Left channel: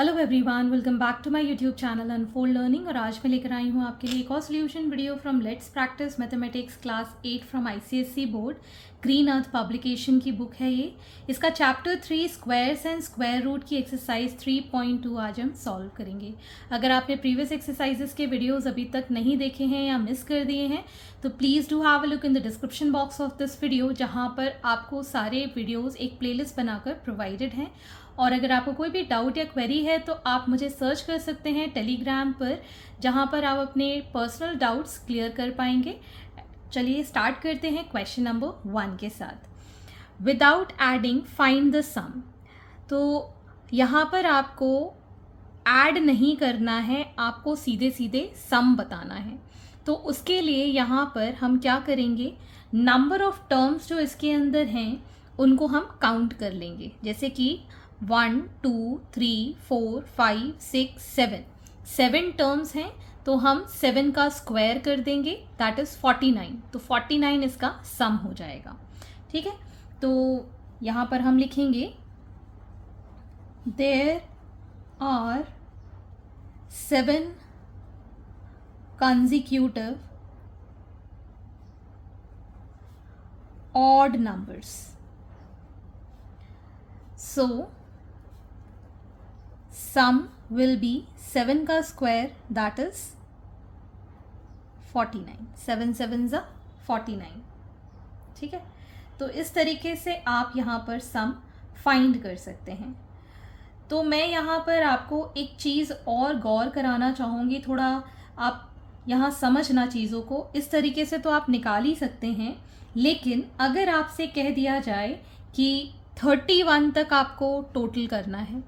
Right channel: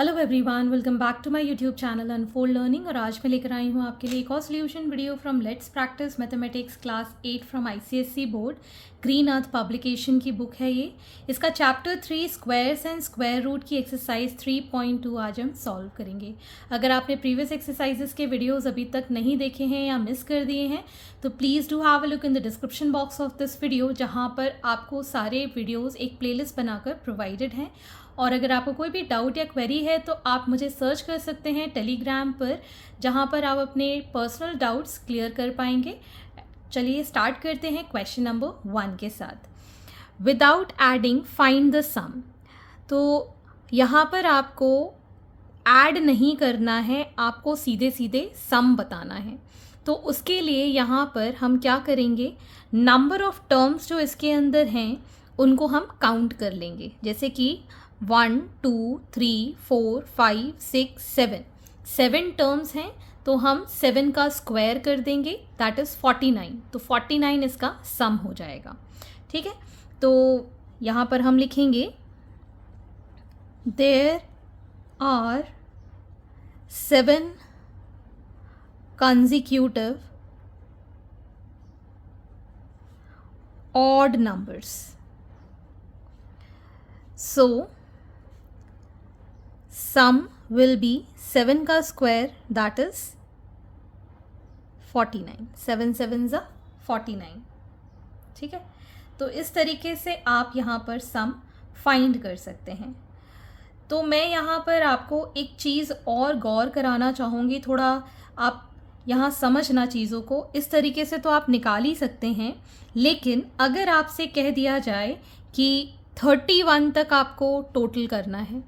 Hello everyone, welcome back to my YouTube channel Unfold Learning. और आज मैं लेकर आई हूँ आपके लिए एक और solution video from Let's Practice Mathematics class 8 from ICSE board. Green Earth publication की बुक है ये। इसका chapter 3 squares and square root की एक्सरसाइज 3.2 आज हम सॉल्व करेंगे। अगर आपने प्रीवियस एक्सरसाइजेस के वीडियोज़ अभी तक नहीं देखे हैं या मिस कर दिए हैं तो please do have a look in the description box of this video, जहाँ पर आपको सारे वीडियोज़ एक प्लेलिस्ट बनाकर प्रोवाइडेड हैं। और अगर आपको कोई भी डाउट या क्वेरी है तो आप मुझे सर्च कर सकते हैं टेलीग्राम पर, जहाँ पर आप अपने पर्सनल डाउट्स क्लियर कर पाएंगे। चलिए स्टार्ट करते हैं क्वेश्चन नंबर 1 के साथ। Without adding find the sum. तो यहाँ पर आपको ऐड नहीं करना है, आपको सीधे सीधे सम बताना है। तो उसके लिए यहाँ पर हम क्या करेंगे, नंबर ऑफ टर्म्स जो इसके अंदर हैं उनको हम काउंट कर लेंगे। जैसे कि 1 2 3 4 5 6 7 7 टर्म्स हैं, तो हम 7 का स्क्वायर कर देंगे, दैट इज 49। तो 49 इसका सम हो जाएगा। ठीक है, तो यहाँ पर हम लिखेंगे there are 7 consecutive odd numbers. So sum will be 7 का square, that is 49. 7 sevens are 49. ठीक है, तो इस तरीके से आप यहाँ पर सम फाइंड कर सकते हैं। तो मैं यहाँ पर आपको एक चीज़ और गौर कराना चाहूँगी, थोड़ा आप यहाँ समझना चीज़ों को। इस तरीके से तो आप निकाल ही सकते हैं, लेकिन अगर आपसे कह दिया जाए कि 31 तक आपको टोटल करना है,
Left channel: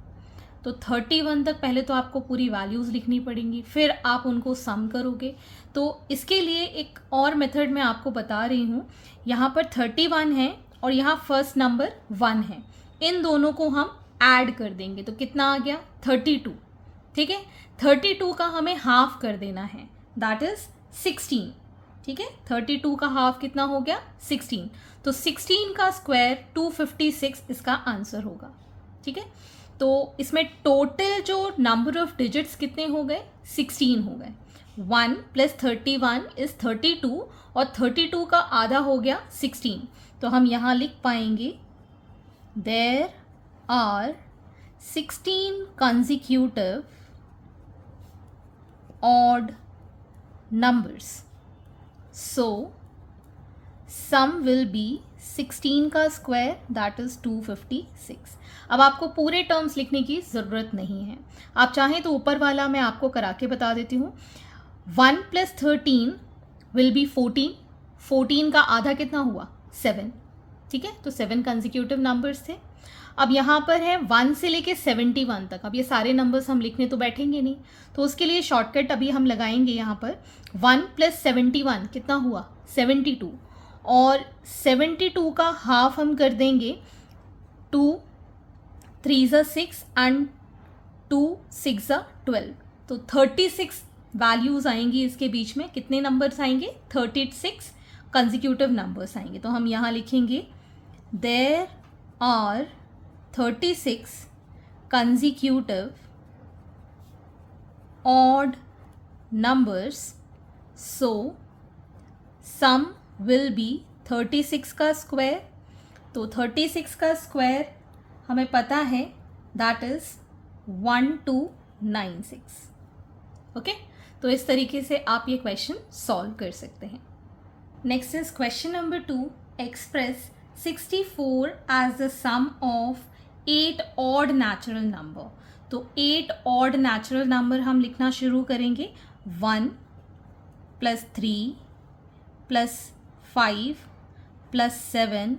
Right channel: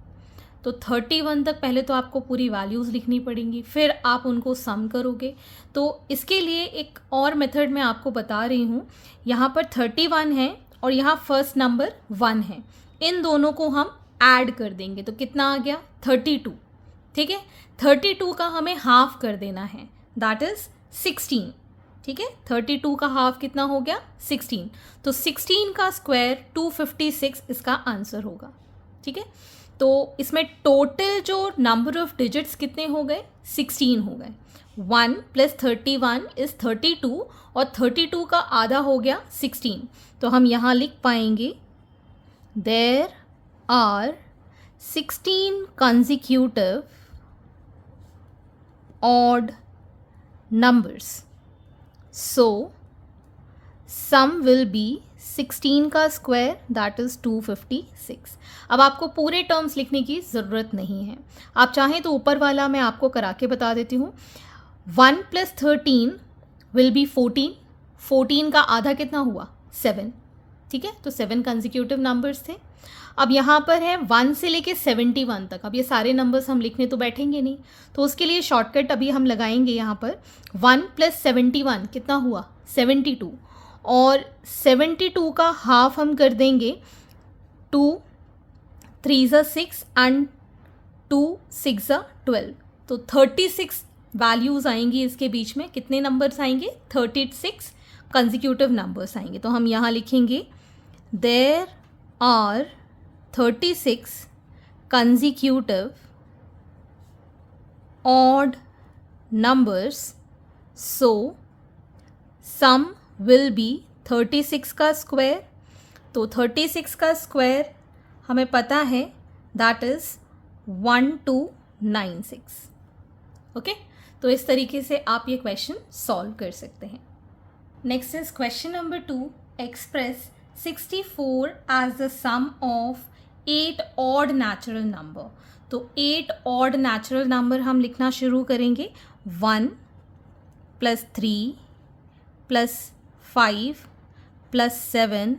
तो 31 तक पहले तो आपको पूरी वैल्यूज़ लिखनी पड़ेंगी, फिर आप उनको सम करोगे। तो इसके लिए एक और मेथड मैं आपको बता रही हूँ। यहाँ पर 31 है और यहाँ फर्स्ट नंबर 1 है, इन दोनों को हम ऐड कर देंगे तो कितना आ गया, 32। ठीक है, 32 का हमें हाफ कर देना है, दैट इज 16। ठीक है, 32 का हाफ कितना हो गया, 16। तो 16 का स्क्वायर 256 इसका आंसर होगा। ठीक है, तो इसमें टोटल जो नंबर ऑफ डिजिट्स कितने हो गए, 16 हो गए। 1 + 31 इज 32 और 32 का आधा हो गया 16। तो हम यहाँ लिख पाएंगे there are 16 consecutive odd numbers. So sum will be 16 का स्क्वायर, that is 256. अब आपको पूरे टर्म्स लिखने की ज़रूरत नहीं है, आप चाहें तो ऊपर वाला मैं आपको करा के बता देती हूँ। 1 + 13 will be 14. 14 का आधा कितना हुआ, 7। ठीक है, तो 7 कंसेक्यूटिव नंबर्स थे। अब यहाँ पर है 1 से लेके 71 तक। अब ये सारे नंबर्स हम लिखने तो बैठेंगे नहीं, तो उसके लिए शॉर्टकट अभी हम लगाएंगे। यहाँ पर 1 + 71 कितना हुआ, 72। और 72 का हाफ हम कर देंगे, 2 3 × 6 एंड 2 6 × 12। तो 36 वैल्यूज़ आएंगी इसके बीच में। कितने नंबर्स आएंगे, 36 कंसेक्यूटिव नंबर्स आएंगे। तो हम यहाँ लिखेंगे there are 36 consecutive odd numbers. So sum will be 36 का स्क्वायर। तो 36 का स्क्वायर हमें पता है, दैट इज 1296। ओके, तो इस तरीके से आप ये क्वेश्चन सॉल्व कर सकते हैं। Next is question number 2। Express 64 as the sum of 8 odd natural number. तो 8 ऑड नेचुरल नंबर हम लिखना शुरू करेंगे। 1 + 3 + 5 + 7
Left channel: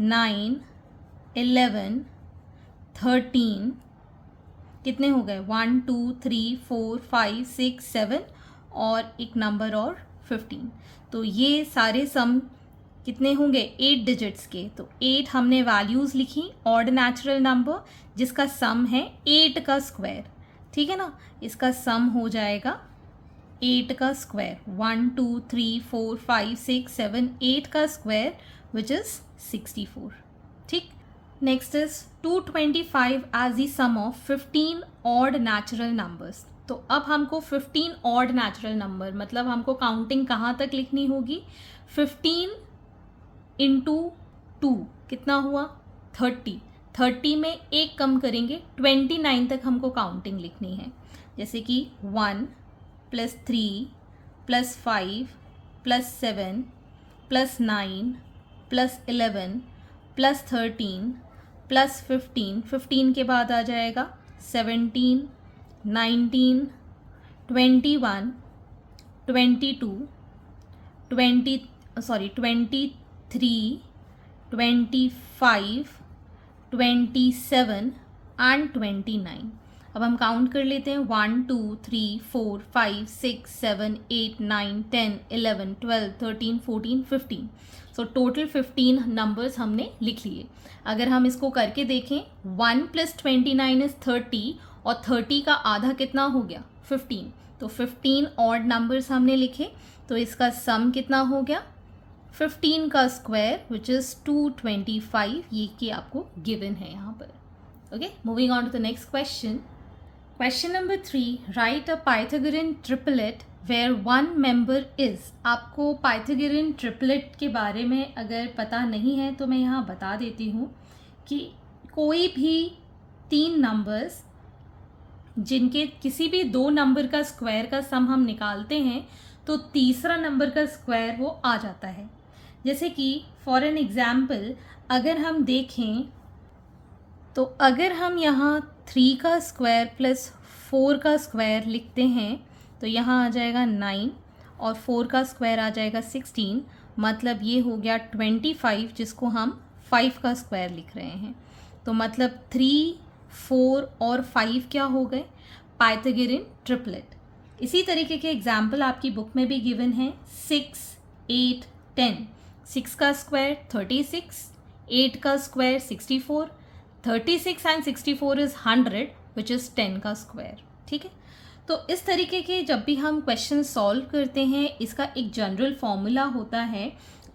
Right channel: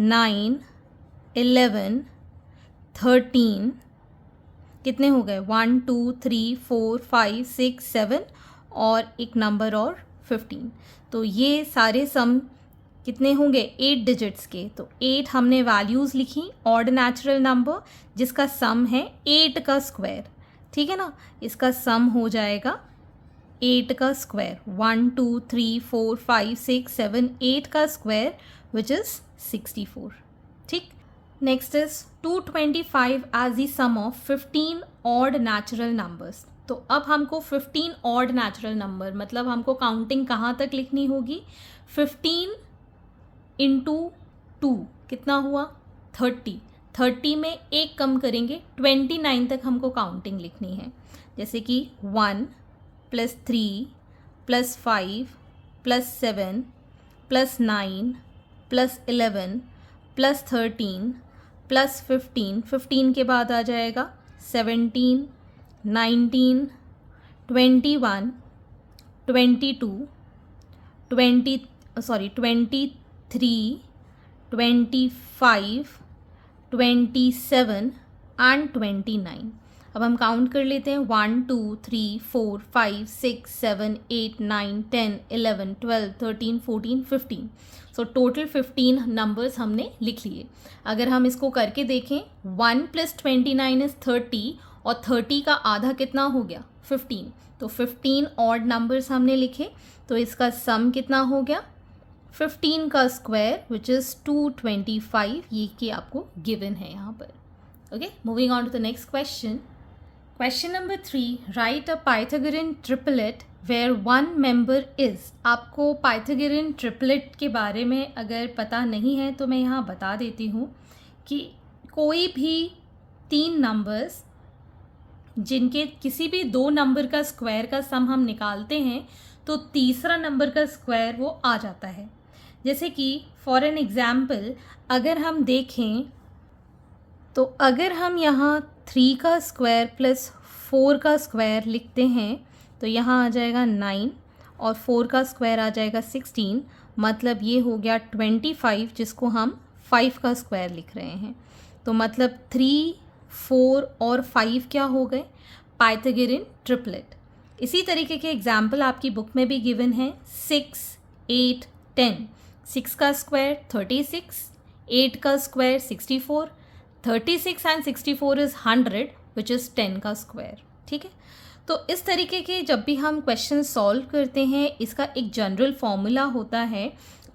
9 11 13 कितने हो गए, 1 2 3 4 5 6 7 और एक नंबर और 15। तो ये सारे सम कितने होंगे, 8 डिजिट्स के। तो 8 हमने वैल्यूज़ लिखी, ऑड नेचुरल नंबर जिसका सम है 8 का स्क्वायर। ठीक है ना, इसका सम हो जाएगा 8 का स्क्वायर। 1 2 3 4 5 6 7 8 का स्क्वायर विच इज़ 64। ठीक, next is 225 as the sum of 15 odd natural numbers. तो अब हमको 15 ऑड नेचुरल नंबर मतलब हमको काउंटिंग कहाँ तक लिखनी होगी, 15 इंटू 2 कितना हुआ 30, 30 में एक कम करेंगे 29 तक हमको काउंटिंग लिखनी है। जैसे कि 1 plus 3 plus 5 plus 7 plus 9 plus 11 plus 13 plus 15, 15 के बाद आ जाएगा 17, 19, 21, 22, 23, 25, 27 एंड 29। अब हम काउंट कर लेते हैं 1 2 3 4 5 6 7 8 9 10 11 12 13 14 15। सो टोटल 15 नंबर्स हमने लिख लिए। अगर हम इसको करके देखें 1 प्लस 29 इज 30 और 30 का आधा कितना हो गया 15। तो 15 ऑड नंबर्स हमने लिखे, तो इसका सम कितना हो गया 15 का स्क्वायर विच इज़ 225। ये कि आपको गिवन है यहाँ पर। Okay, moving on to the next question. Question number 3, write a Pythagorean triplet where one member is. आपको पाइथागोरन ट्रिपलेट के बारे में अगर पता नहीं है तो मैं यहाँ बता देती हूँ कि कोई भी 3 नंबर्स जिनके किसी भी 2 नंबर का स्क्वायर का सम हम निकालते हैं तो तीसरा नंबर का स्क्वायर वो आ जाता है। जैसे कि फॉर एन एग्जाम्पल अगर हम देखें तो अगर हम यहाँ 3 का स्क्वायर प्लस 4 का स्क्वायर लिखते हैं तो यहाँ आ जाएगा 9 और 4 का स्क्वायर आ जाएगा 16, मतलब ये हो गया 25 जिसको हम 5 का स्क्वायर लिख रहे हैं। तो मतलब 3, 4 और 5 क्या हो गए पाइथागोरन ट्रिपलेट। इसी तरीके के एग्जाम्पल आपकी बुक में भी गिवन है 6, 8, 10। 6 का स्क्वायर 36, 8 का square 64, 36 and 64 is 100 which is 10 का स्क्वायर। ठीक है, तो इस तरीके के जब भी हम क्वेश्चन सॉल्व करते हैं इसका एक जनरल फॉर्मूला होता है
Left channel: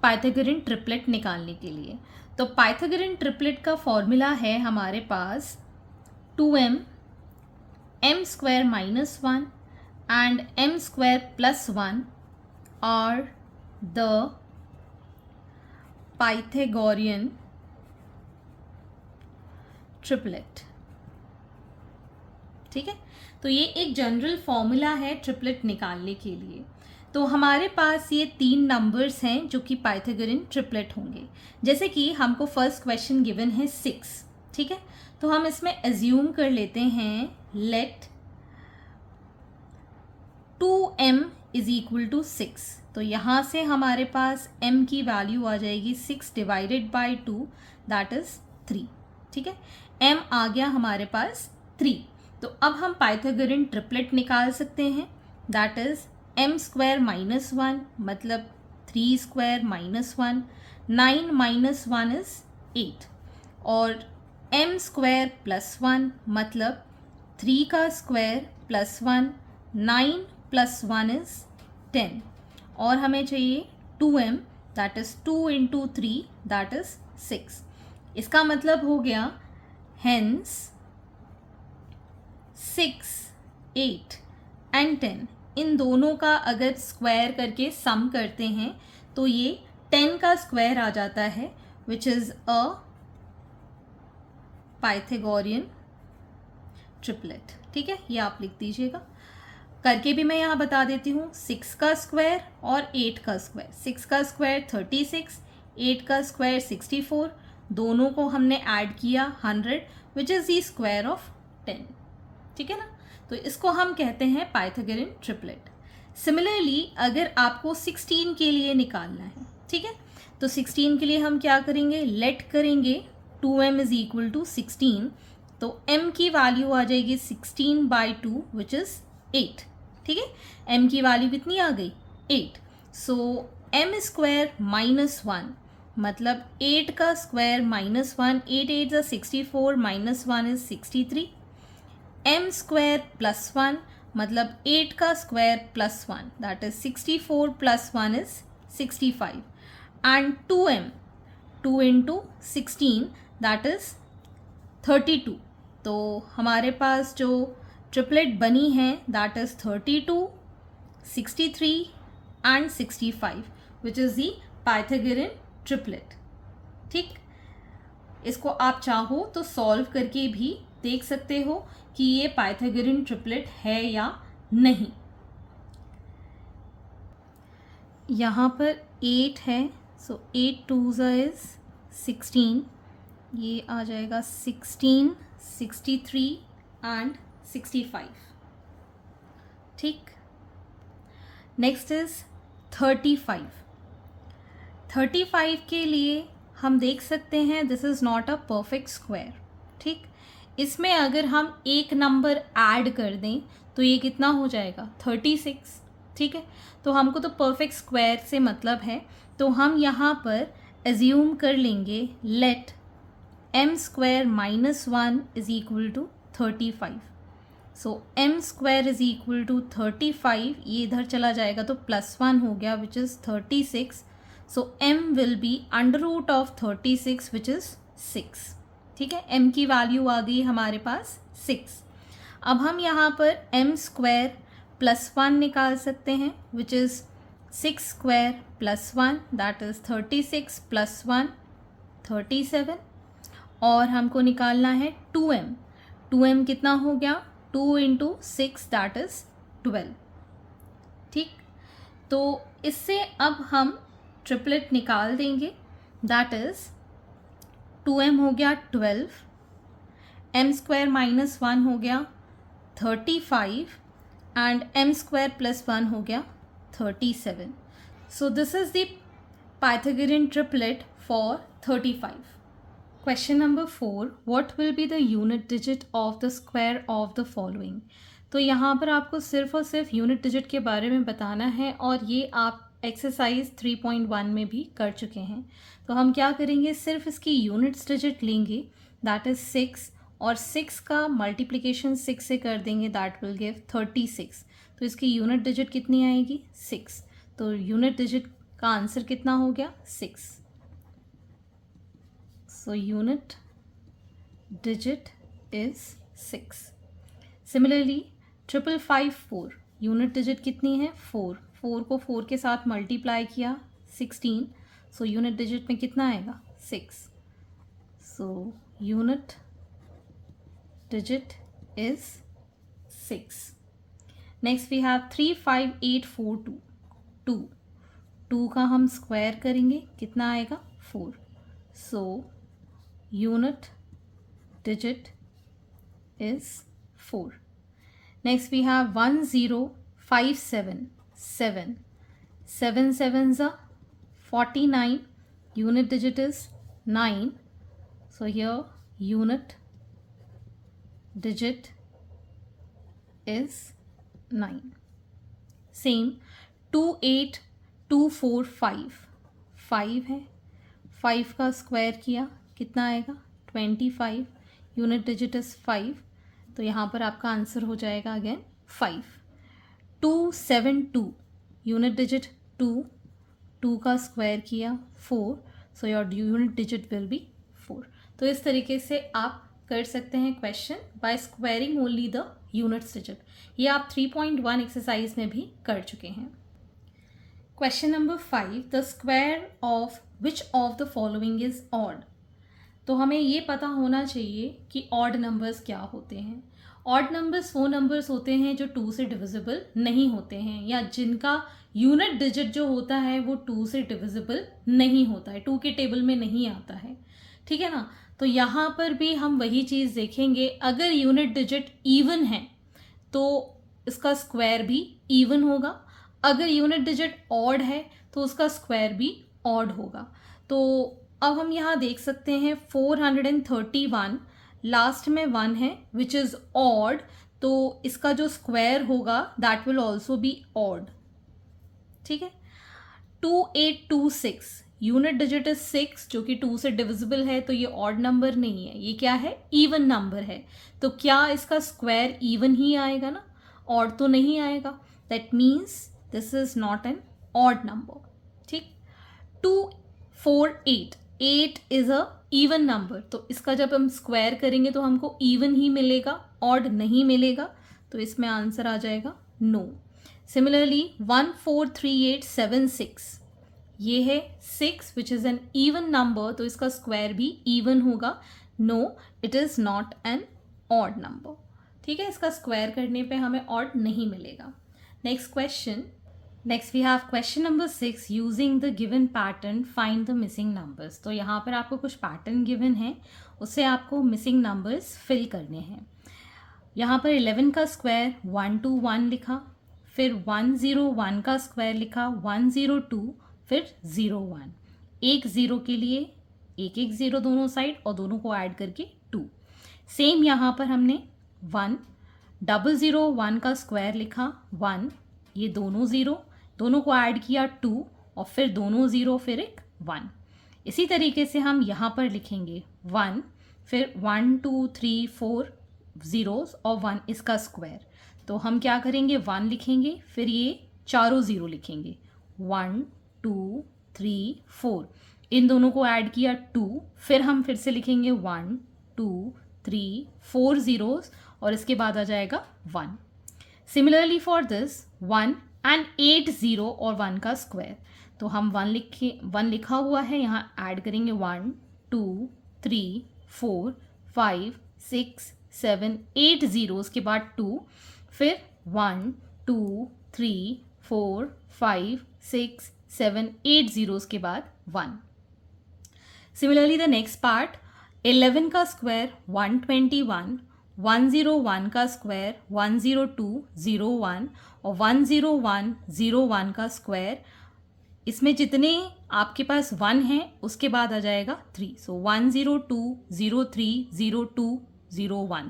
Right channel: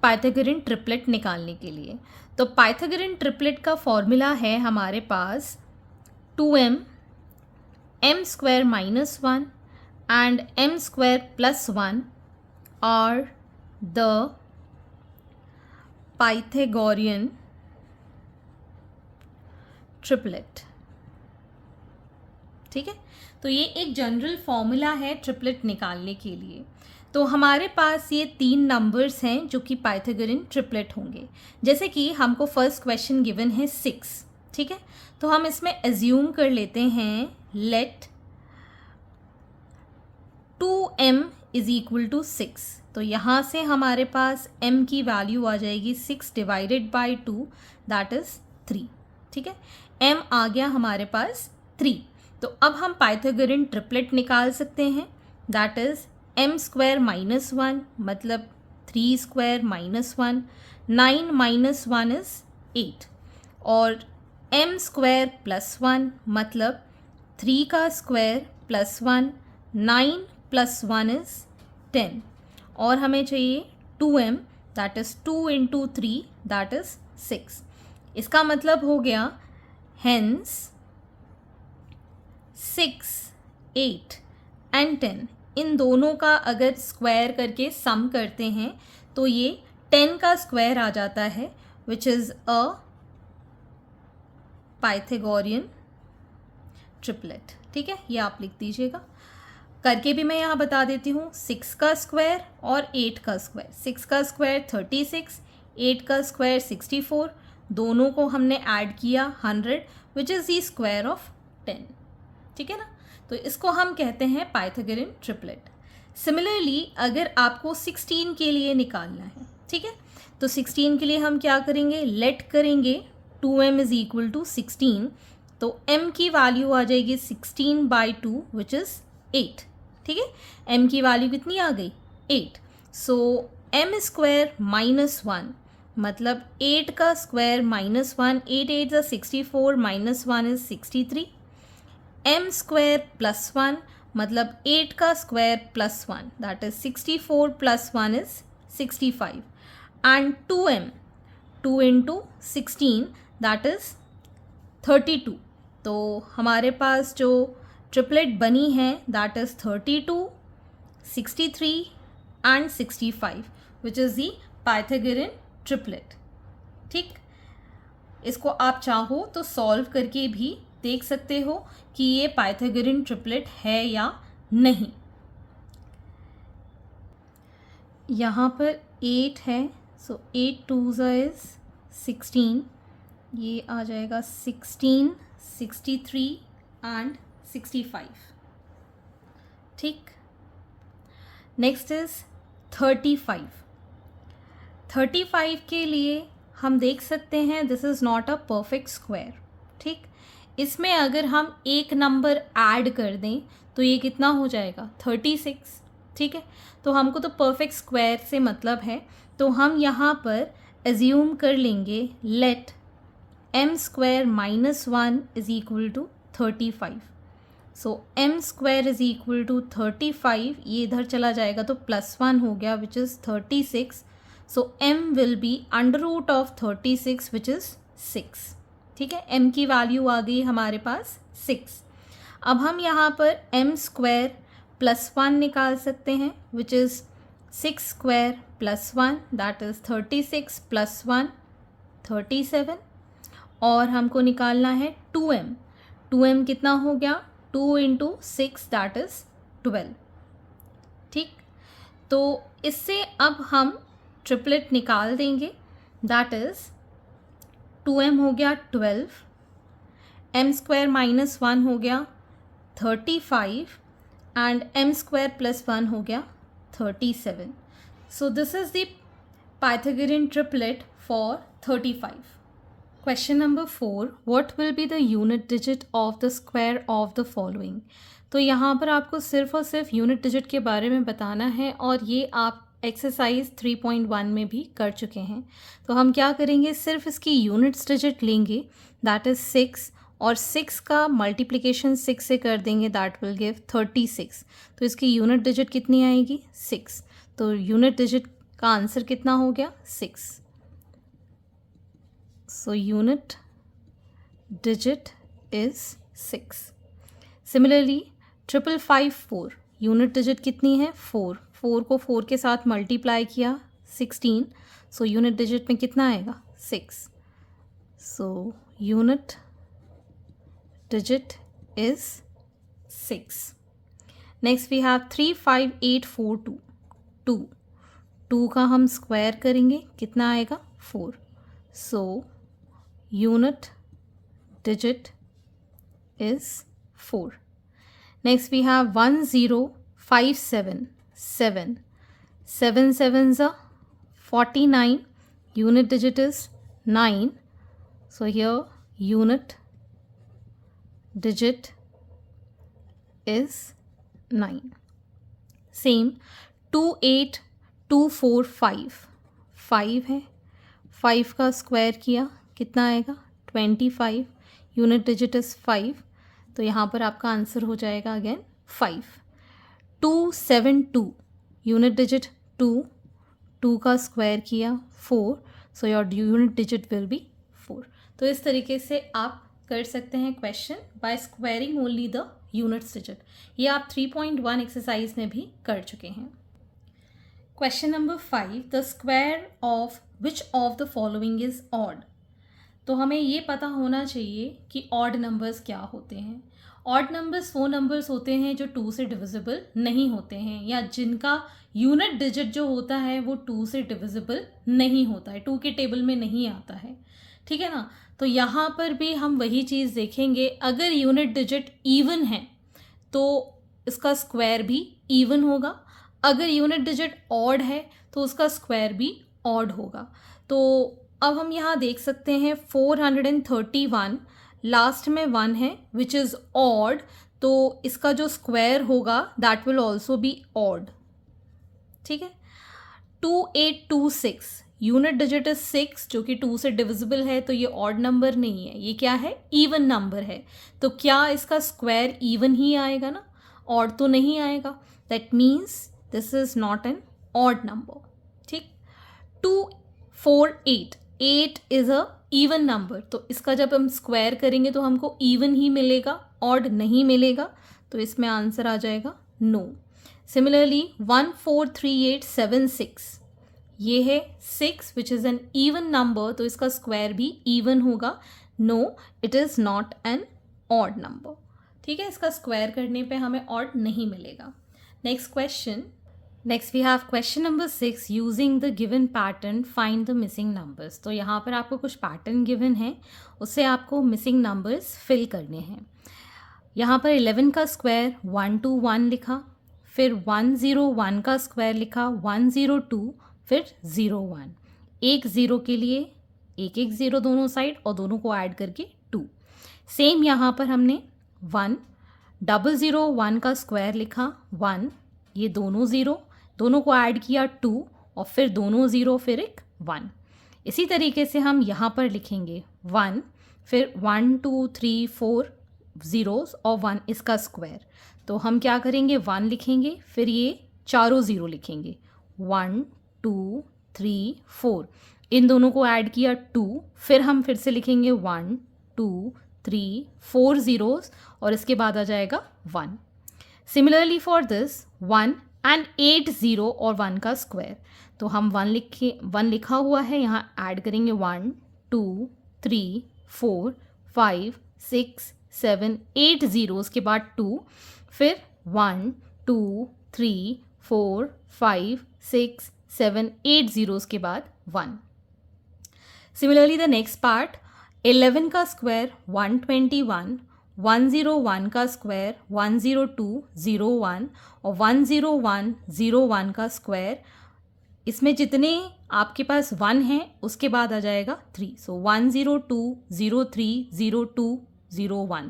पाइथागोरन ट्रिपलेट निकालने के लिए। तो पाइथागोरन ट्रिपलेट का फॉर्मूला है हमारे पास 2m m square minus 1 and m square plus 1 are the Pythagorean triplet. ठीक है, तो ये एक जनरल फॉर्मूला है ट्रिपलेट निकालने के लिए। तो हमारे पास ये 3 नंबर्स हैं जो कि पाइथागोरन ट्रिपलेट होंगे। जैसे कि हमको फर्स्ट क्वेश्चन गिवन है 6। ठीक है, तो हम इसमें एज्यूम कर लेते हैं late 2m is equal to 6। तो यहाँ से हमारे पास m की वैल्यू आ जाएगी 6 डिवाइडेड बाई 2 दैट इज 3। ठीक है, m आ गया हमारे पास 3। तो अब हम पाइथागोरन ट्रिपलेट निकाल सकते हैं that is m square minus 1 मतलब 3 स्क्वायर माइनस 1, 9 माइनस 1 इज 8 और m स्क्वायर प्लस 1 मतलब 3 का स्क्वायर प्लस 1, 9 प्लस 1 इज 10 और हमें चाहिए 2m that is 2 into 3 that is 6। इसका मतलब हो गया हेंस 6, 8 एंड 10 इन दोनों का अगर स्क्वायर करके सम करते हैं तो ये 10 का स्क्वायर आ जाता है which is a Pythagorean triplet. ठीक है, ये आप लिख दीजिएगा। करके भी मैं यहाँ बता देती हूँ 6 का स्क्वायर और 8 का स्क्वायर। 6 का स्क्वायर 36, 8 का स्क्वायर 64, दोनों को हमने ऐड किया 100 which is the square of 10। ठीक है ना, तो इसको हम कहते हैं पाइथागोरन ट्रिपलेट। सिमिलरली अगर आपको 16 के लिए निकालना है, ठीक है, तो 16 के लिए हम क्या करेंगे लेट करेंगे 2m इज इक्वल टू 16। तो m की वैल्यू आ जाएगी 16 बाई 2 विच इज़ 8। ठीक है, m की वैल्यू कितनी आ गई 8। सो m स्क्वायर माइनस 1 मतलब 8 का स्क्वायर माइनस 1, 8 8 ज़ा 64 minus 1 is 63। m square plus 1 मतलब 8 का square plus 1 that is 64 plus 1 is 65 and 2m 2 into 16 that is 32। तो हमारे पास जो ट्रिपलेट बनी है that is 32, 63 and 65 which is the Pythagorean triplet. ठीक, इसको आप चाहो तो सॉल्व करके भी देख सकते हो कि ये पाइथागोरन ट्रिपलेट है या नहीं। यहाँ पर 8 है, सो 8 2s इज 16, ये आ जाएगा 16, 63 एंड 65। ठीक, नेक्स्ट इज 35। 35 के लिए हम देख सकते हैं this is not a perfect square. ठीक, इसमें अगर हम एक नंबर ऐड कर दें तो ये कितना हो जाएगा 36। ठीक है, तो हमको तो परफेक्ट स्क्वायर से मतलब है, तो हम यहाँ पर एज्यूम कर लेंगे let m square minus 1 is equal to 35। So m square is equal to 35, ये इधर चला जाएगा तो +1 हो गया which is 36। So m will be under root of 36 which is 6। ठीक है, m की वैल्यू आ गई हमारे पास 6। अब हम यहाँ पर m स्क्वायर +1 निकाल सकते हैं विच इज़ 6 स्क्वायर +1 दैट इज़ 36 +1 37। और हमको निकालना है 2m। 2m कितना हो गया 2 × 6 दैट इज़ 12। ठीक, तो इससे अब हम ट्रिपलेट निकाल देंगे दैट इज़ 2m हो गया 12, m स्क्वायर -1 हो गया 35 एंड m स्क्वायर +1 हो गया 37। So this is the Pythagorean triplet for 35। Question number 4, what will be the unit digit of the square of the following. तो यहाँ पर आपको सिर्फ और सिर्फ यूनिट डिजिट के बारे में बताना है और ये आप एक्सरसाइज 3.1 में भी कर चुके हैं। तो हम क्या करेंगे, सिर्फ इसकी यूनिट्स डिजिट लेंगे दैट इज़ 6 और 6 का मल्टीप्लिकेशन 6 से कर देंगे दैट विल गिव 36। तो इसकी यूनिट डिजिट कितनी आएगी 6। तो यूनिट डिजिट का आंसर कितना हो गया 6। So unit digit is 6. Similarly 5554 unit digit कितनी है 4। 4 को 4 के साथ मल्टीप्लाई किया 16, सो यूनिट डिजिट में कितना आएगा 6। So unit digit is 6। Next we have 35842। 2 का हम स्क्वायर करेंगे कितना आएगा 4। सो unit digit is 4. Next we have 10577. 7 sevens are 49. Unit digit is 9. So here unit digit is 9. Same 28245. 5 है, 5 का स्क्वायर किया कितना आएगा 25। यूनिट डिजिट इज़ 5, तो यहाँ पर आपका आंसर हो जाएगा अगेन 5। 272 यूनिट डिजिट 2, 2 का स्क्वायर किया 4, so your unit digit will be 4। तो इस तरीके से आप कर सकते हैं question by squaring only the units digit. ये आप 3.1 एक्सरसाइज में भी कर चुके हैं। Question number 5, the square of which of the following is odd. तो हमें ये पता होना चाहिए कि ऑड नंबर्स क्या होते हैं। ऑड नंबर्स वो नंबर्स होते हैं जो 2 से डिविजिबल नहीं होते हैं या जिनका यूनिट डिजिट जो होता है वो 2 से डिविजिबल नहीं होता है, 2 के टेबल में नहीं आता है। ठीक है ना, तो यहाँ पर भी हम वही चीज़ देखेंगे, अगर यूनिट डिजिट इवन है तो इसका स्क्वायर भी इवन होगा, अगर यूनिट डिजिट ऑड है तो उसका स्क्वायर भी ऑड होगा। तो अब हम यहाँ देख सकते हैं 431 लास्ट में 1 है विच इज़ ऑड, तो इसका जो स्क्वायर होगा that will also be odd. ठीक है, 2826 यूनिट डिजिट इज 6 जो कि 2 से डिविजिबल है, तो ये ऑड नंबर नहीं है, ये क्या है इवन नंबर है। तो क्या इसका स्क्वायर इवन ही आएगा ना, ऑड तो नहीं आएगा। That means this is not an odd number. ठीक, 248 8 is a इवन नंबर, तो इसका जब हम स्क्वायर करेंगे तो हमको इवन ही मिलेगा, ऑड नहीं मिलेगा, तो इसमें आंसर आ जाएगा नो। सिमिलरली 14387 ये है 6 which is an even number, तो इसका स्क्वायर भी इवन होगा। No, it is not an odd number. ठीक है, इसका स्क्वायर करने पे हमें ऑड नहीं मिलेगा। Next question, next we have question number 6, using the given pattern find the missing numbers. तो यहाँ पर आपको कुछ पैटर्न गिवन है, उससे आपको मिसिंग नंबर्स फिल करने हैं। यहाँ पर 11 का स्क्वायर 121 लिखा, फिर 101 का स्क्वायर लिखा 102, फिर 01, एक ज़ीरो के लिए एक एक ज़ीरो दोनों साइड और दोनों को ऐड करके 2। सेम यहाँ पर हमने 1001 का स्क्वायर लिखा 1, ये दोनों ज़ीरो, दोनों को ऐड किया 2 और फिर दोनों ज़ीरो, फिर एक 1। इसी तरीके से हम यहाँ पर लिखेंगे 1, फिर 1 2 3 4 ज़ीरोस और 1 इसका स्क्वायर। तो हम क्या करेंगे, 1 लिखेंगे, फिर ये चारों ज़ीरो लिखेंगे 1 2 3 4, इन दोनों को ऐड किया 2, फिर हम फिर से लिखेंगे 1 2 3 4 ज़ीरोस और इसके बाद आ जाएगा 1। Similarly for this 1 and 8 zero और 1 का स्क्वायर, तो हम 1 लिखा हुआ है, यहाँ ऐड करेंगे 1 2 3 4 5 6 7 8 ज़ीरोज़ के बाद 2, फिर 1 2 3 4 5 6 7 8 ज़ीरोज़ के बाद 1। सिमिलरली द नेक्स्ट पार्ट, 11 का स्क्वायर 121, 101 का स्क्वायर 10201 और 10101 का स्क्वायर, इसमें जितने आपके पास 1 हैं उसके बाद आ जाएगा 3, सो 102 03 02 01।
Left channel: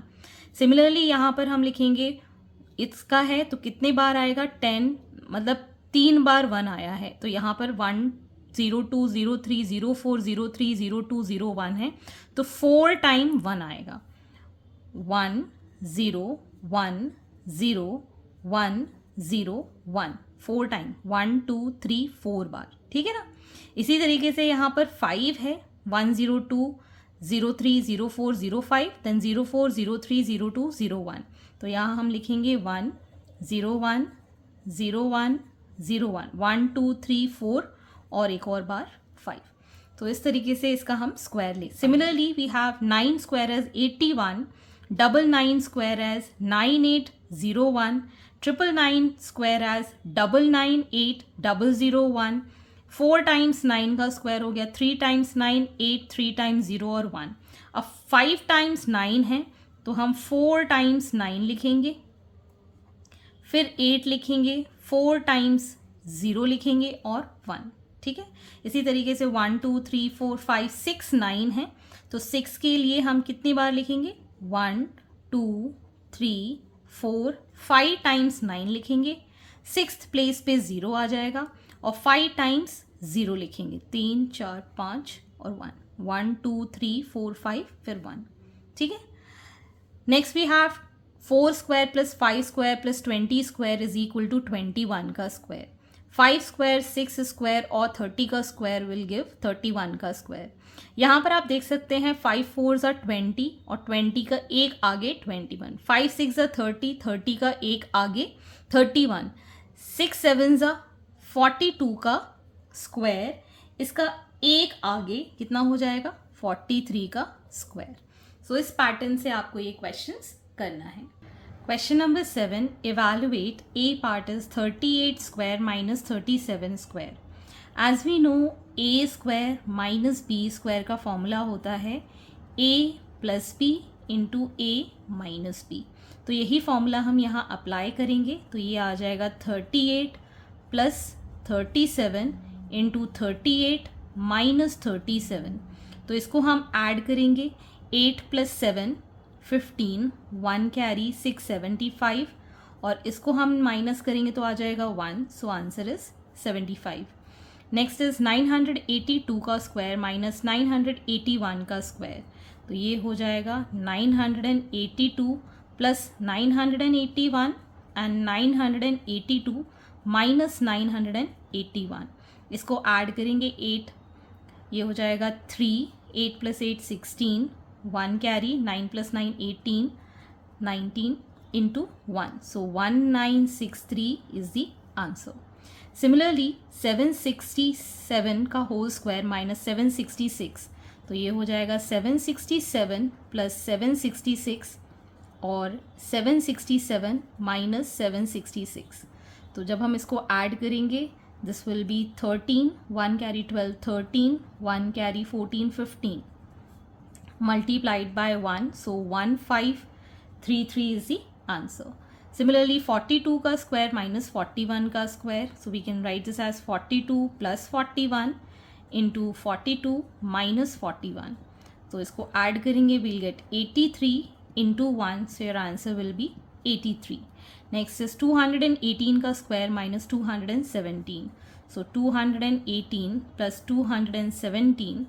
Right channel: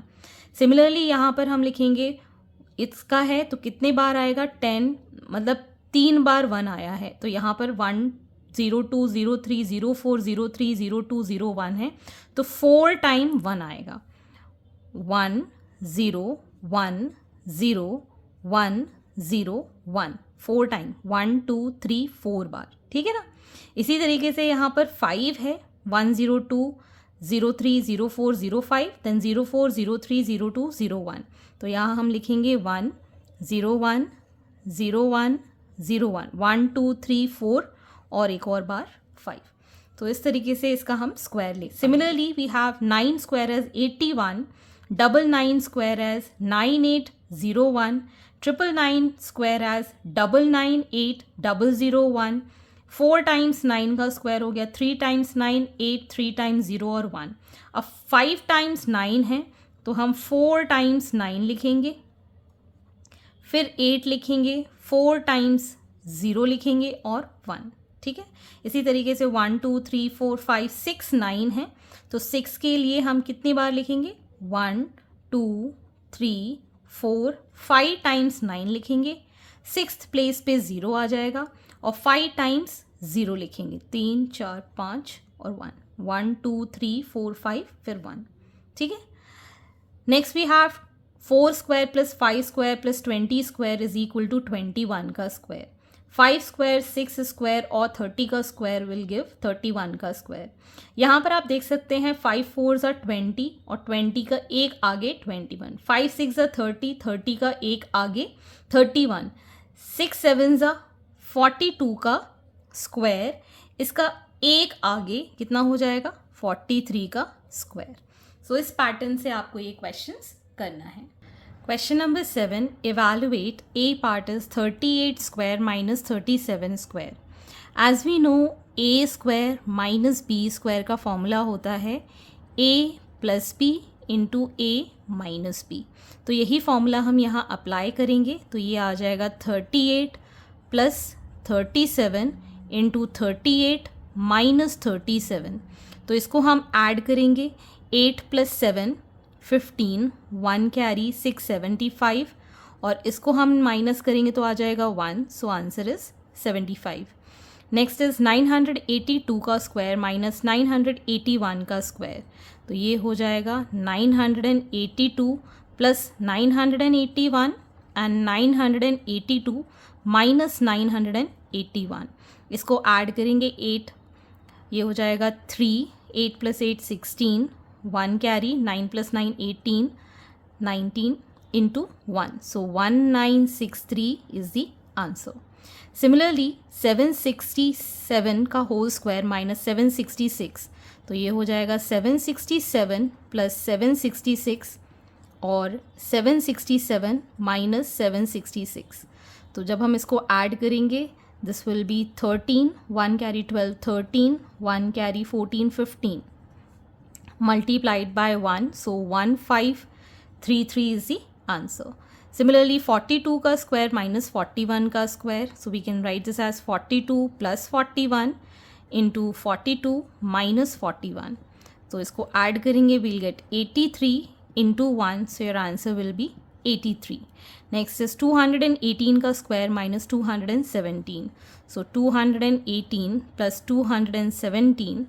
सिमिलरली यहाँ पर हम लिखेंगे, इसका है तो कितने बार आएगा 10, मतलब 3 बार 1 आया है, तो यहाँ पर 1 02 03 04 03 02 01 है, तो 4 टाइम 1 आएगा, 1 0 1 0 1 0 1, 4 टाइम 1 2 3 4 बार। ठीक है ना। इसी तरीके से यहाँ पर 5 है, 102 03 04 05 देन 04 03 02 01, तो यहाँ हम लिखेंगे 1 0 1 0 1 0 1 1 2 3 4 और एक और बार 5। तो इस तरीके से इसका हम स्क्वायर ले। Similarly we have 9 square as 81, 99 square as 9801, 999 square as 998001, 4 times 9 का स्क्वायर हो गया 3 टाइम्स 9 8, 3 टाइम्स 0 और 1। अब 5 टाइम्स 9 है तो हम 4 टाइम्स 9 लिखेंगे, फिर 8 लिखेंगे, 4 टाइम्स 0 लिखेंगे और 1। ठीक है, इसी तरीके से 1 2 3 4 5 6 9 है, तो 6 के लिए हम कितनी बार लिखेंगे, 1 2 3 4 5 टाइम्स 9 लिखेंगे, 6th प्लेस पे 0 आ जाएगा और 5 टाइम्स 0 लिखेंगे, 3 4 5 और 1, 1 2 3 4 5 फिर 1। ठीक है, next we have 4 square plus 5 square plus 20 square is equal to 21 का स्क्वायर, 5 स्क्वायर 6 स्क्वायर और 30 का स्क्वायर विल गिव 31 का स्क्वायर। यहाँ पर आप देख सकते हैं 5 4s are 20 और 20 का एक आगे 21, 5 6s are 30, 30 का एक आगे 31, 6 7s are 42 का स्क्वायर, इसका एक आगे कितना हो जाएगा 43 का स्क्वायर। सो इस पैटर्न से आपको ये क्वेश्चंस करना है। Question number 7, evaluate A part is 38 square minus 37 square. As we know, A square minus B square का फॉर्मूला होता है A plus B into A minus B। तो यही फॉर्मूला हम यहाँ अप्लाई करेंगे, तो ये आ जाएगा 38 plus 37 into 38 minus 37। तो इसको हम ऐड करेंगे, 8 plus 7 15, 1 कैरी 675 और इसको हम माइनस करेंगे तो आ जाएगा 1, so answer is 75। Next is 982 का स्क्वायर माइनस 981 का स्क्वायर, तो ये हो जाएगा 982 प्लस 981 एंड 982 माइनस 981, इसको ऐड करेंगे 8, ये हो जाएगा 3, 8 plus 8 16, 1 carry, 9 plus 9 18, 19 into 1. So 1963 is the answer. Similarly 767 का होल स्क्वायर माइनस 766, तो ये हो जाएगा 767 प्लस 766 और 767 माइनस 766. तो जब हम इसको ऐड करेंगे this will be 13, 1 carry 12 13, 1 carry 14 15 multiplied by 1, so 1533 is the answer. Similarly 42 का स्क्वायर माइनस 41 का square, so we can write this as 42 plus 41 into 42 minus 41. तो इसको ऐड करेंगे we'll get 83 into 1, so your answer will be 83. Next is 218 का square minus 217, so 218 plus 217,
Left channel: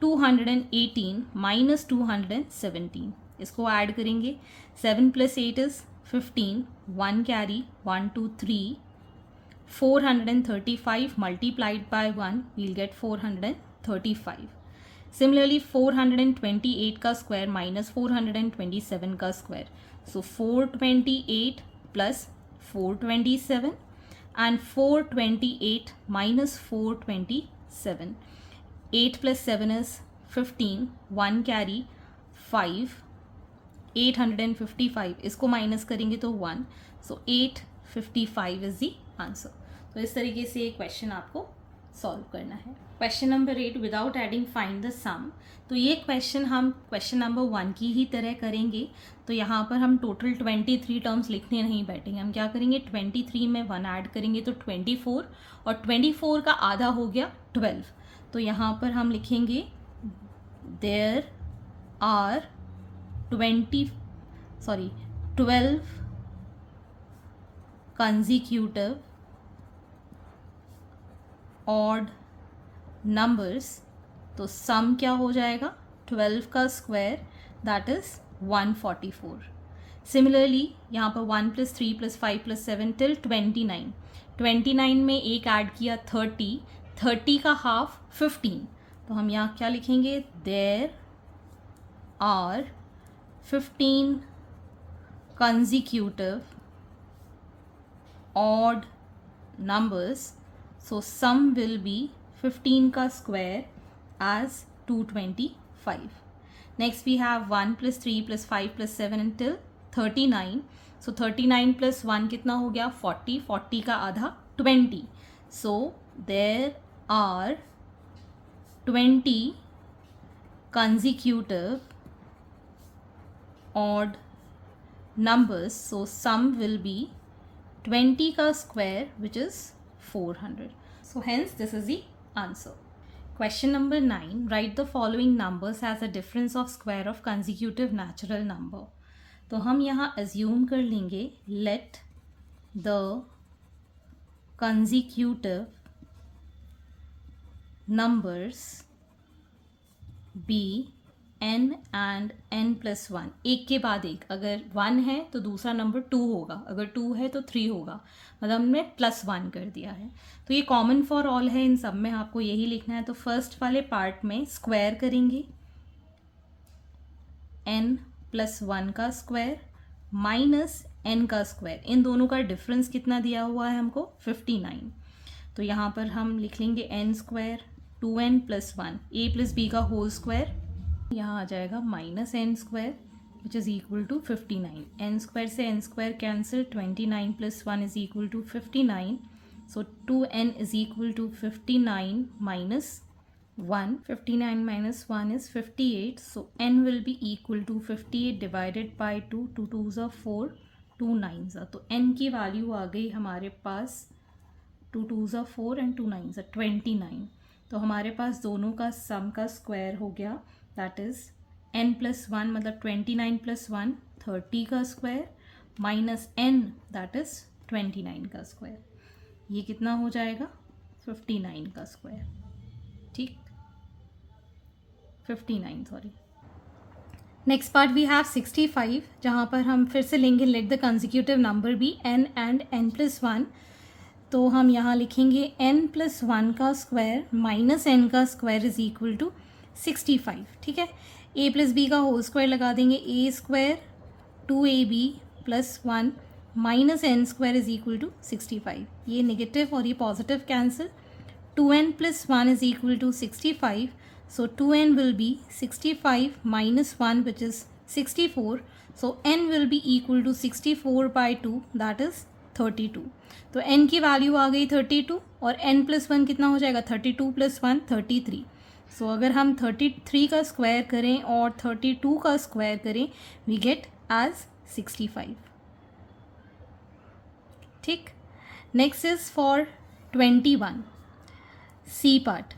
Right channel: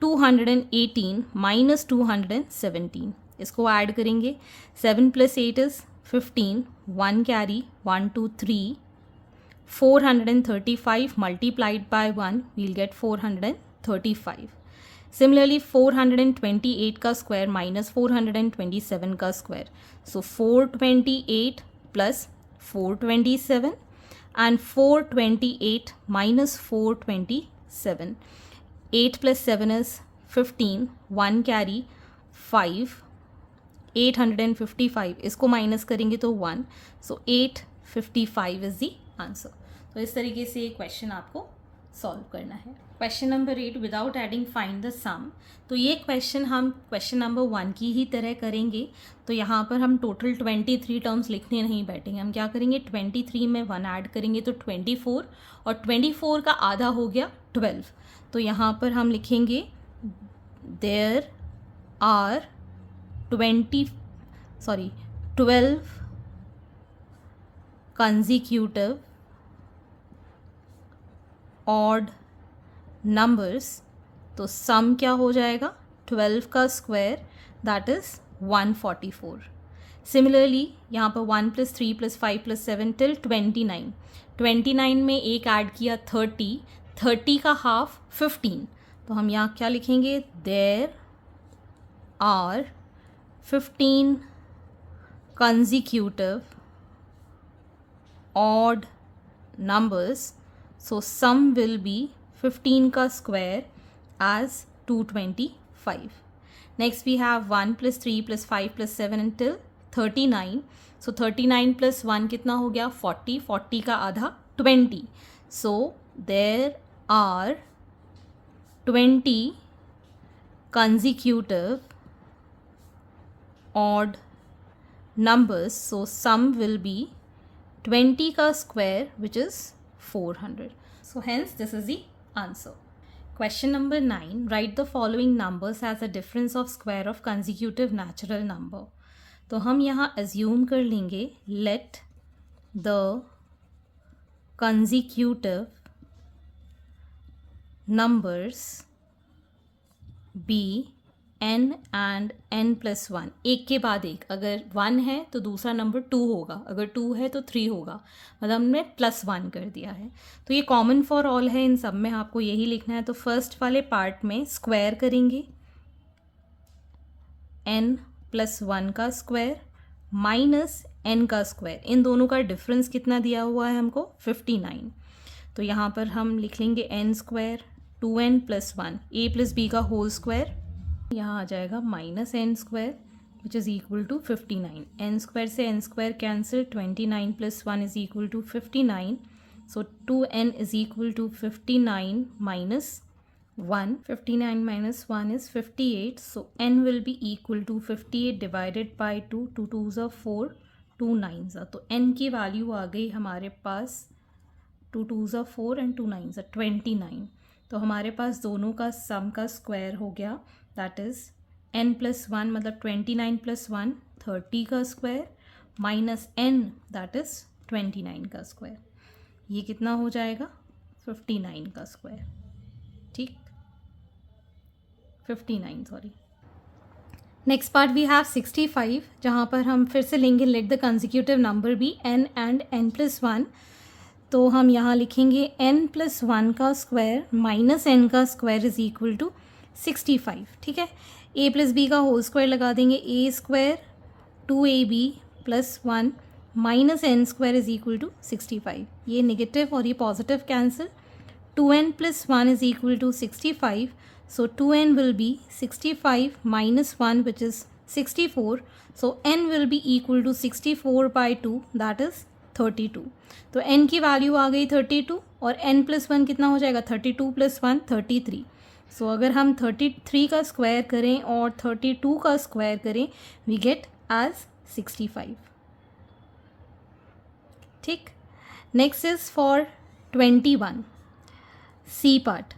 218 minus 217, इसको add करेंगे 7 plus 8 is 15, 1 carry 1 2 3, 435 multiplied by 1 we'll get 435. Similarly 428 का square minus 427 का square, so 428 plus 427 and 428 minus 427. 8 plus 7 is 15, 1 carry 5, 855, इसको minus करेंगे तो 1, so 855 is the answer. तो इस तरीके से ये क्वेश्चन आपको सॉल्व करना है. Question number 8, without adding find the sum. तो ये क्वेश्चन हम क्वेश्चन नंबर 1 की ही तरह करेंगे. तो यहाँ पर हम टोटल 23 टर्म्स लिखने नहीं बैठेंगे. हम क्या करेंगे 23 में 1 ऐड करेंगे तो 24, और 24 का आधा हो गया 12. तो यहाँ पर हम लिखेंगे there are 12 consecutive odd numbers. तो सम क्या हो जाएगा 12 का स्क्वायर दैट इज 144. सिमिलरली यहाँ पर 1 plus 3 plus 5 plus 7 till 29. 29 में एक ऐड किया 30, 30 का हाफ 15. तो हम यहाँ क्या लिखेंगे there are 15 consecutive odd numbers, so sum will be 15 का square as 225. Next we have 1 plus 3 plus 5 plus 7 until 39. So 39 plus 1 कितना हो गया 40, 40 का आधा 20. So there are 20 consecutive odd numbers, so sum will be 20 का square which is 400. So hence this is the answer. Question number 9, write the following numbers as a difference of square of consecutive natural number. तो हम यहाँ assume कर लेंगे let the consecutive numbers be n and n plus 1. एक के बाद एक, अगर 1 है तो दूसरा नंबर 2 होगा, अगर 2 है तो 3 होगा, मतलब हमने +1 कर दिया है. तो ये कॉमन फॉर ऑल है, इन सब में आपको यही लिखना है. तो फर्स्ट वाले पार्ट में स्क्वायर करेंगे n plus 1 का स्क्वायर माइनस n का स्क्वायर. इन दोनों का डिफरेंस कितना दिया हुआ है हमको 59. तो यहाँ पर हम लिख लेंगे n square 2n plus 1, a plus b का होल स्क्वायर, यहाँ आ जाएगा minus N square which is equal to 59. N square से N square cancel, 29 plus 1 is equal to 59. So 2n is equal to 59 minus 1. 59 minus 1 is 58. So n will be equal to 58 divided by 2. 2 2s are 4, 2 9s are. तो n की value आ गई हमारे पास 2 2s are 4 and 2 9s are 29. तो हमारे पास दोनों का सम का square हो गया, दैट इज़ n plus 1 मतलब 29 plus 1 30 का square minus n that is 29 का स्क्वायर. ये कितना हो जाएगा 59 का स्क्वायर. ठीक, 59 sorry. Next part we have 65, जहाँ पर हम फिर से लेंगे let the consecutive number be n and n plus 1. तो हम यहाँ लिखेंगे n plus 1 का स्क्वायर माइनस n का स्क्वायर इज इक्वल टू 65, ठीक है। a प्लस बी का होल स्क्वायर लगा देंगे, A square 2ab plus 1 minus N square is equal to 65। ये नेगेटिव और ये positive cancel, 2n plus 1 is equal to 65. So 2n will be 65 minus 1 which is 64. So n will be equal to 64 by 2 that is 32. तो n की value आ गई 32 और n plus 1 कितना हो जाएगा 32 प्लस 1 33. सो अगर हम 33 का स्क्वायर करें और 32 का स्क्वायर करें वी गेट एज 65. ठीक. Next is for 21. C part,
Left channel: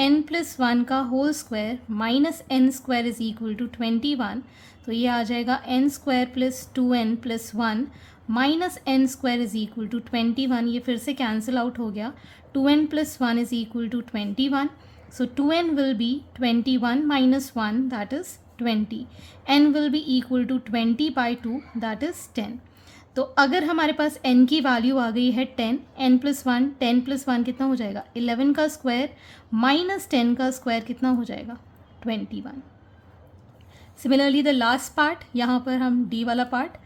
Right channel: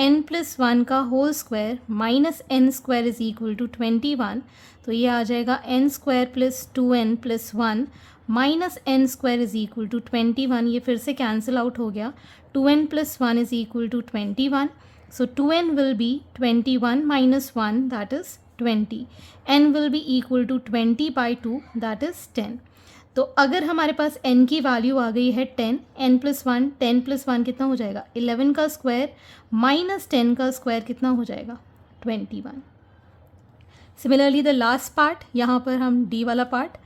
n plus 1 का whole square minus N square is equal to 21. तो ये आ जाएगा n square plus 2n plus 1 minus N square is equal to 21. ये फिर से कैंसिल आउट हो गया. 2n plus 1 is equal to 21. So 2n will be 21 minus 1 that is 20. n will be equal to 20 by 2 that is 10. तो अगर हमारे पास n की value आ गई है 10, n प्लस 1, 10 प्लस 1 कितना हो जाएगा 11 का स्क्वायर माइनस 10 का स्क्वायर कितना हो जाएगा 21. सिमिलरली द लास्ट पार्ट, यहाँ पर हम d वाला पार्ट,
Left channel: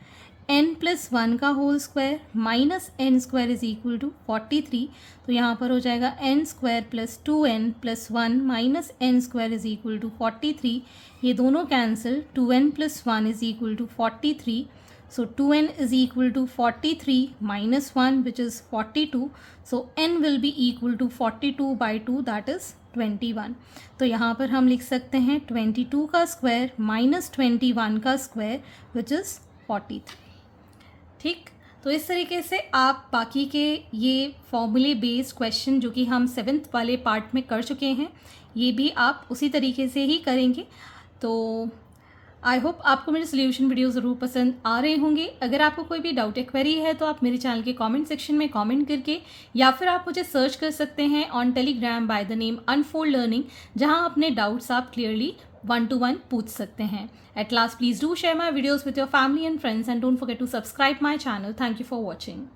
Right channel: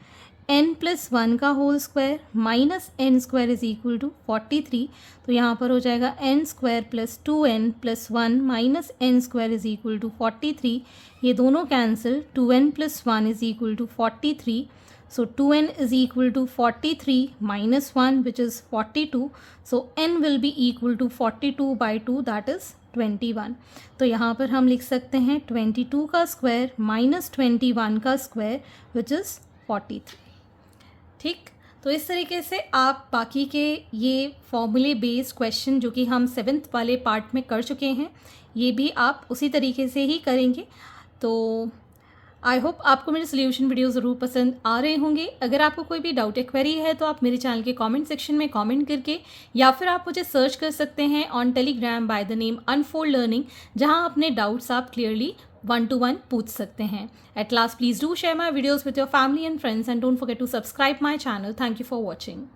n प्लस 1 का whole square minus N square is equal to 43. तो यहाँ पर हो जाएगा n square plus 2n plus 1 minus N square is equal to 43. ये दोनों cancel, 2n plus 1 is equal to 43. So 2n is equal to 43 minus 1 which is 42. So n will be equal to 42 by 2 that is 21. तो यहाँ पर हम लिख सकते हैं 22 का स्क्वायर माइनस 21 का स्क्वायर which is 43. ठीक. तो इस तरीके से आप बाकी के ये फॉर्मूले बेस्ड क्वेश्चन जो कि हम 7th वाले पार्ट में कर चुके हैं ये भी आप उसी तरीके से ही करेंगे. तो आई होप आपको मेरे सोल्यूशन वीडियो ज़रूर पसंद आ रहे होंगे. अगर आपको कोई भी डाउट या क्वेरी है तो आप मेरे चैनल के कमेंट सेक्शन में कमेंट करके या फिर आप मुझे सर्च कर सकते हैं on Telegram by the name unfold learning, जहां अपने डाउट्स आप क्लियरली 1-to-1 पूछ सकते हैं. At last please do share my videos with your family and friends and don't forget to subscribe my channel. Thank you for watching.